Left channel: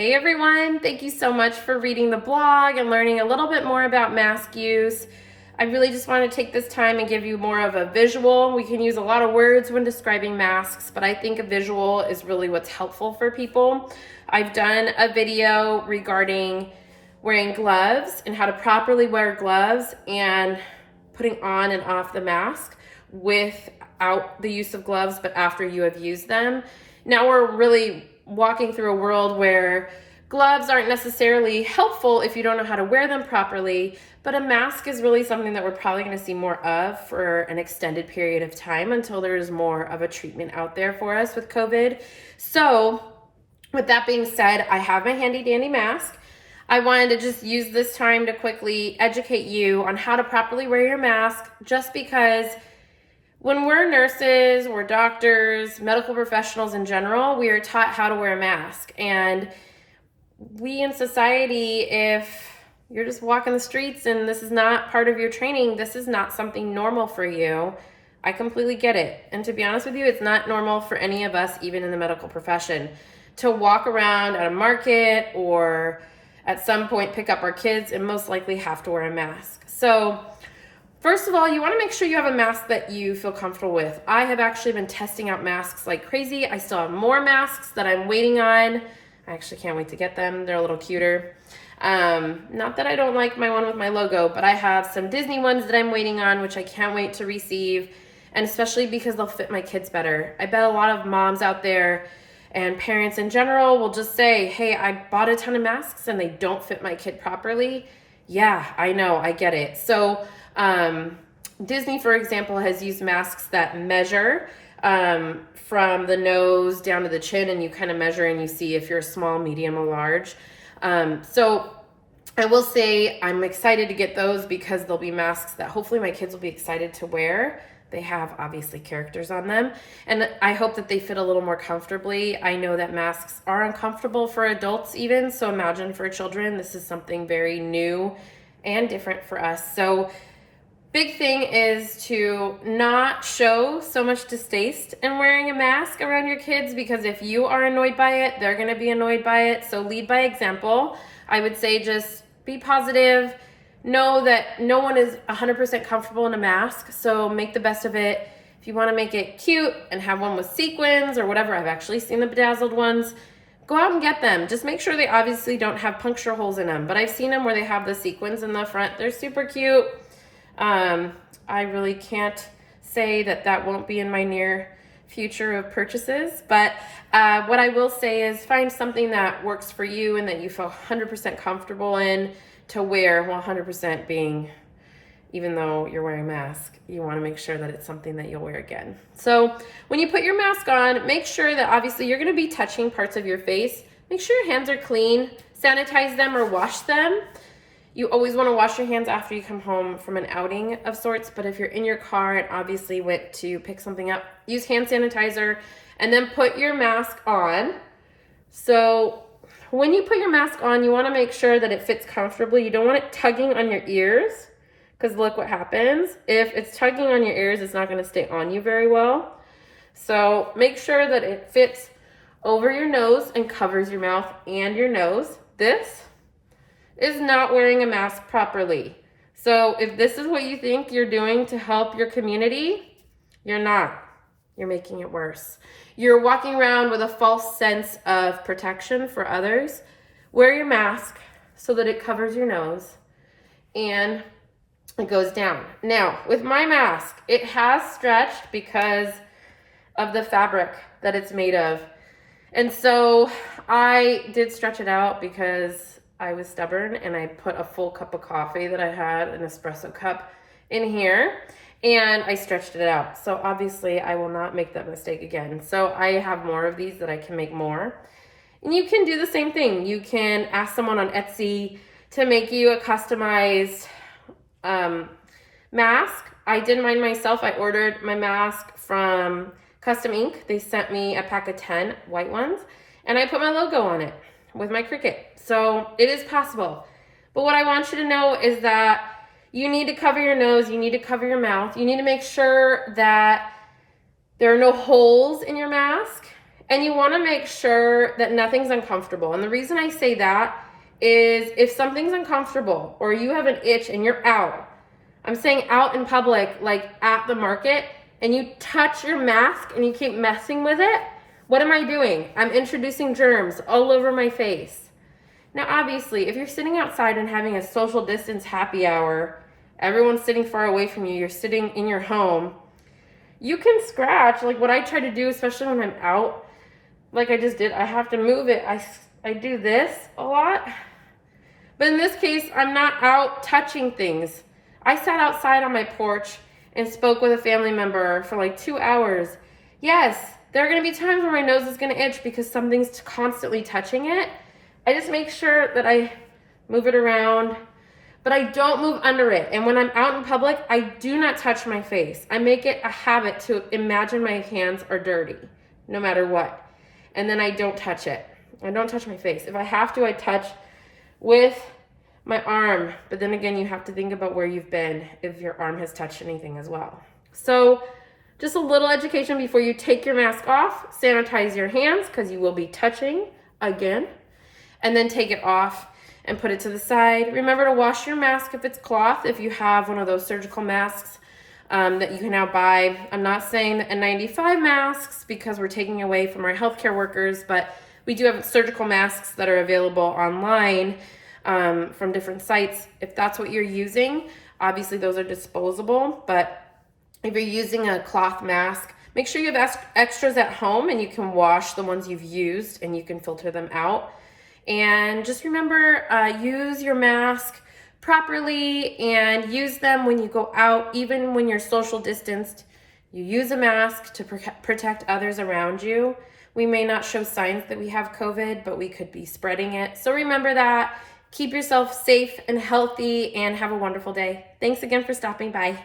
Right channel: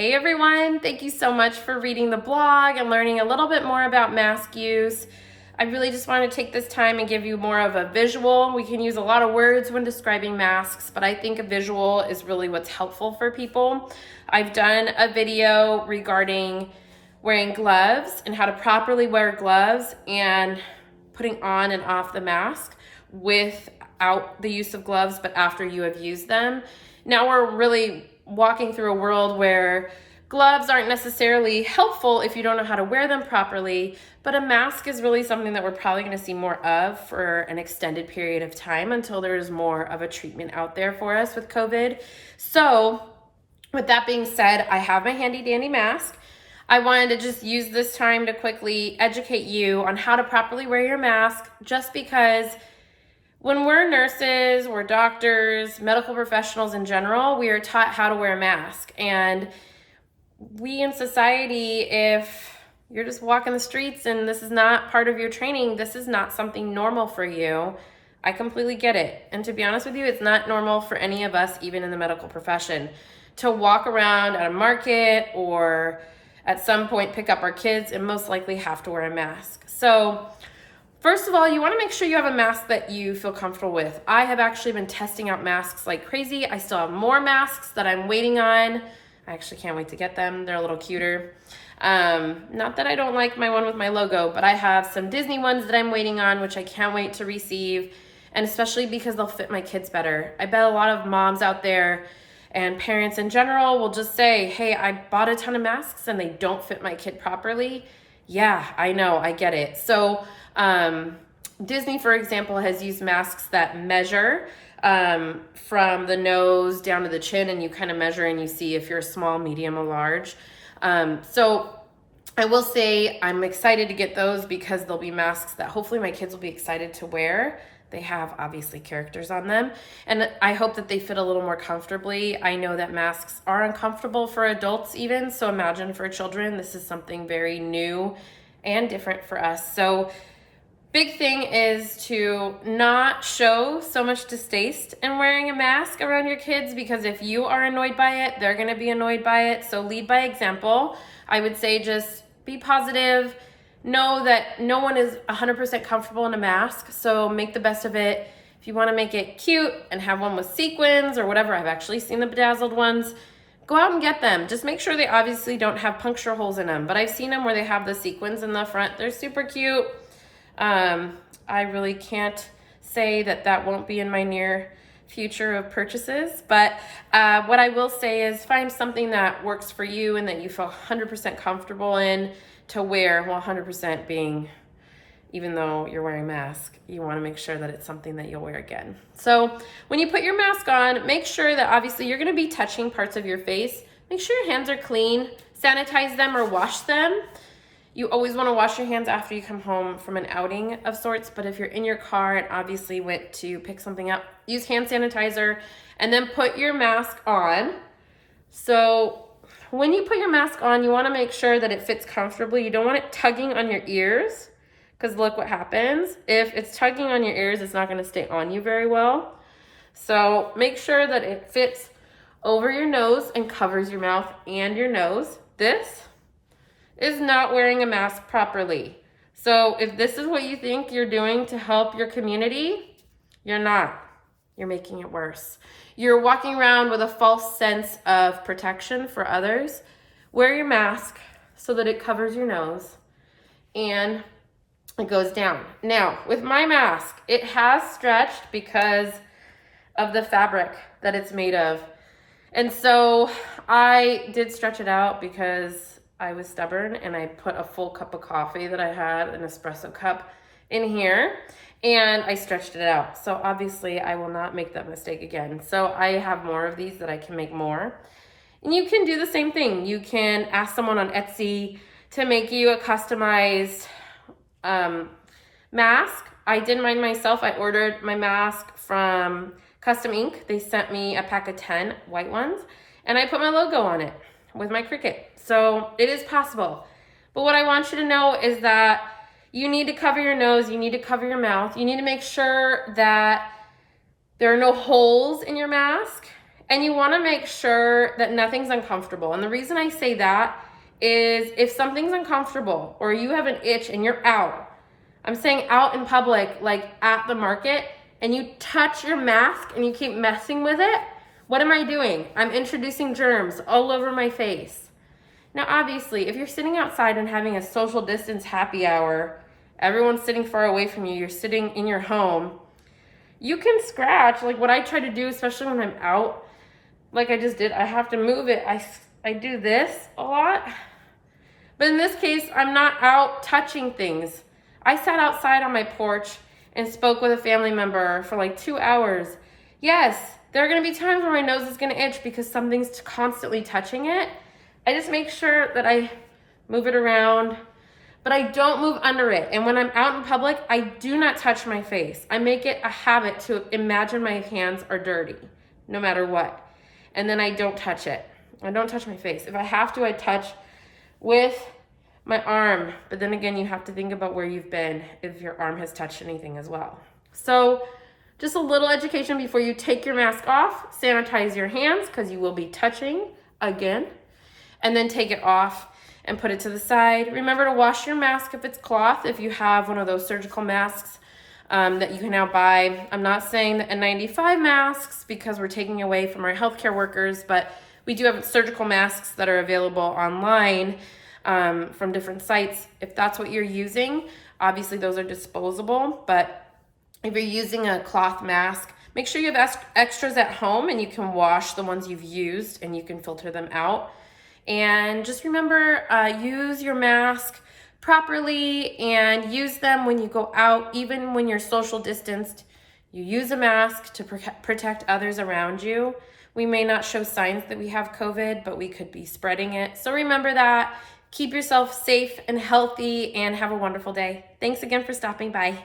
Hey everyone, thank you so much for reading the blog and learning a little bit more about mask use. I really just want to take this time and give you more of a visual. We can use a lot of words when describing masks, but I think a visual is really what's helpful for people. I've done a video regarding wearing gloves and how to properly wear gloves and putting on and off the mask without the use of gloves, but after you have used them. Now we're really walking through a world where gloves aren't necessarily helpful if you don't know how to wear them properly, but a mask is really something that we're probably going to see more of for an extended period of time until there is more of a treatment out there for us with COVID. So with that being said, I have my handy dandy mask. I wanted to just use this time to quickly educate you on how to properly wear your mask, just because when we're nurses, we're doctors, medical professionals in general, we are taught how to wear a mask. And we in society, if you're just walking the streets and this is not part of your training, this is not something normal for you. I completely get it. And to be honest with you, it's not normal for any of us, even in the medical profession, to walk around at a market or at some point pick up our kids and most likely have to wear a mask. So first of all, you want to make sure you have a mask that you feel comfortable with. I have actually been testing out masks like crazy. I still have more masks that I'm waiting on. I actually can't wait to get them. They're a little cuter. Not that I don't like my one with my logo, but I have some Disney ones that I'm waiting on, which I can't wait to receive, and especially because they'll fit my kids better. I bet a lot of moms out there and parents in general will just say, hey, I bought a ton of masks and they don't fit my kid properly. Yeah, I know, I get it. So Disney, for example, has used masks that measure from the nose down to the chin, and you kind of measure and you see if you're small, medium, or large. So I will say I'm excited to get those because they'll be masks that hopefully my kids will be excited to wear. They have obviously characters on them, and I hope that they fit a little more comfortably. I know that masks are uncomfortable for adults even, so imagine for children. This is something very new and different for us. So big thing is to not show so much distaste in wearing a mask around your kids, because if you are annoyed by it, they're going to be annoyed by it. So lead by example. I would say just be positive. Know that no one is 100% comfortable in a mask, so make the best of it. If you want to make it cute and have one with sequins or whatever, I've actually seen the bedazzled ones, go out and get them. Just make sure they obviously don't have puncture holes in them, but I've seen them where they have the sequins in the front. They're super cute. I really can't say that that won't be in my near future of purchases, but what I will say is find something that works for you and that you feel 100% comfortable in to wear. Well, 100% being, even though you're wearing a mask, you want to make sure that it's something that you'll wear again. So when you put your mask on, make sure that obviously you're going to be touching parts of your face. Make sure your hands are clean, sanitize them or wash them. You always want to wash your hands after you come home from an outing of sorts, but if you're in your car and obviously went to pick something up, use hand sanitizer and then put your mask on. So when you put your mask on, you want to make sure that it fits comfortably. You don't want it tugging on your ears, because look what happens. If it's tugging on your ears, it's not going to stay on you very well. So make sure that it fits over your nose and covers your mouth and your nose. This is not wearing a mask properly. So if this is what you think you're doing to help your community, you're not. You're making it worse. You're walking around with a false sense of protection for others. Wear your mask so that it covers your nose and it goes down. Now, with my mask, it has stretched because of the fabric that it's made of. And so I did stretch it out because I was stubborn and I put a full cup of coffee that I had, an espresso cup, in here. And I stretched it out. So obviously I will not make that mistake again. So I have more of these that I can make more. And you can do the same thing. You can ask someone on Etsy to make you a customized mask. I did mine myself. I ordered my mask from Custom Ink. They sent me a pack of 10 white ones and I put my logo on it with my Cricut. So it is possible. But what I want you to know is that you need to cover your nose, you need to cover your mouth, you need to make sure that there are no holes in your mask And you want to make sure that nothing's uncomfortable. And the reason I say that is if something's uncomfortable or you have an itch and you're out, I'm saying out in public, like at the market, and you touch your mask and you keep messing with it, what am I doing? I'm introducing germs all over my face. Now, obviously, if you're sitting outside and having a social distance happy hour, everyone's sitting far away from you, you're sitting in your home, you can scratch. Like what I try to do, especially when I'm out, like I just did, I have to move it. I do this a lot. But in this case, I'm not out touching things. I sat outside on my porch and spoke with a family member for like 2 hours. Yes, there are going to be times where my nose is going to itch because something's constantly touching it. I just make sure that I move it around, but I don't move under it. And when I'm out in public, I do not touch my face. I make it a habit to imagine my hands are dirty, no matter what. And then I don't touch it. I don't touch my face. If I have to, I touch with my arm. But then again, you have to think about where you've been if your arm has touched anything as well. So just a little education before you take your mask off. Sanitize your hands because you will be touching again. And then take it off and put it to the side. Remember to wash your mask if it's cloth, if you have one of those surgical masks that you can now buy. I'm not saying the N95 masks because we're taking away from our healthcare workers, but we do have surgical masks that are available online from different sites. If that's what you're using, obviously those are disposable, but if you're using a cloth mask, make sure you have extras at home and you can wash the ones you've used and you can filter them out. And just remember, use your mask properly and use them when you go out, even when you're social distanced. You use a mask to protect others around you. We may not show signs that we have COVID, but we could be spreading it. So remember that. Keep yourself safe and healthy and have a wonderful day. Thanks again for stopping by.